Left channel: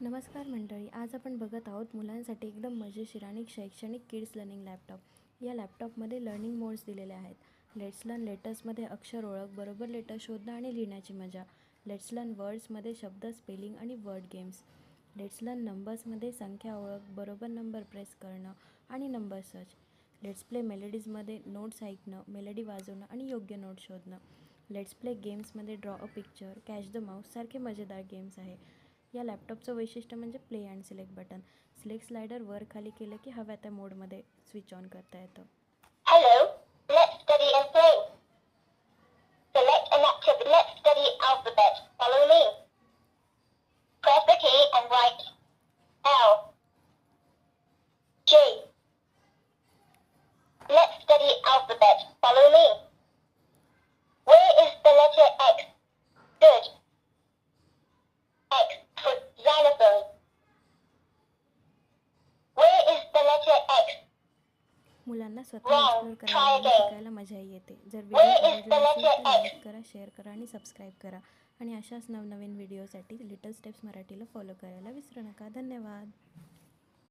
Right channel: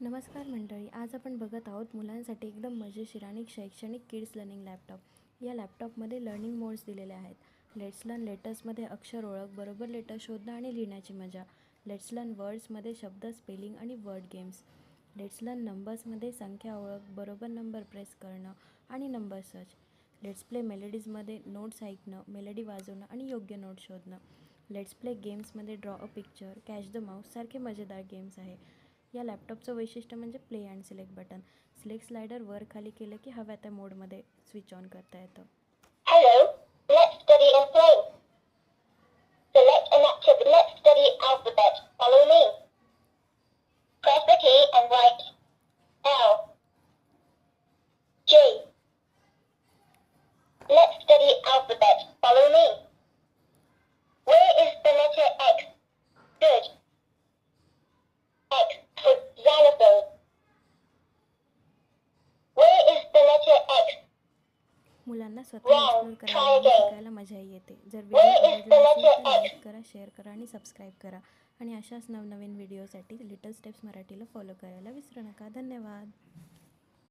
नमस्कार मंडळी, आज आपण बघत आहोत मुलांसाठी एकदम मजेशीर आणि शैक्षणिक किड्स लर्निंग लॅपटॉप. या लॅपटॉपमध्ये लर्निंग मोड्स दिलेले आहेत. लेट्स लर्न लेटर्समध्ये अक्षर ओळख, बरोबर लेटर शोधणं आणि लिहिण्याची मजा. लेट्स लर्न वर्ड्समध्ये शब्द, स्पेलिंग आणि वर्ड गेम्स. लेट्स लर्न नंबर्समध्ये संख्या ओळख, बरोबर नंबर प्रेस करणं आणि नंबर सर्च. लेट्स प्ले मेलडीजमध्ये नोट्स ऐकणं, मेलडी वाजवणं आणि योग्य नोट शोधणं. लेट्स प्ले गेम्समध्ये draw a picture, catch the mouse सारखे मजेदार गेम्स आहे. या लॅपटॉपचं वैशिष्ट्य म्हणजे play and select button. Select slider वर खाली केलं की हव्या त्या मोडमध्ये स्विच ऑन करता येतं. Hello, let's study and play. Select an activity. Let's study alphabet. Follow me. Press the key and write L, G. Let's study alphabet. Follow me. Where is the letter X? Good. X for xylophone. Where is the letter X? मुलांना स्वतः explore करायला आणि शिकायला मजाही येते. जर video Where is आवडला the असेल letter तर X? लाईक करा, शेअर करा आणि सबस्क्राईब करा. आणि अशाच नवनवीन व्हिडिओसाठी लिटल स्टेप्स मराठीला फॉलो करायला विसरू नका. धन्यवाद.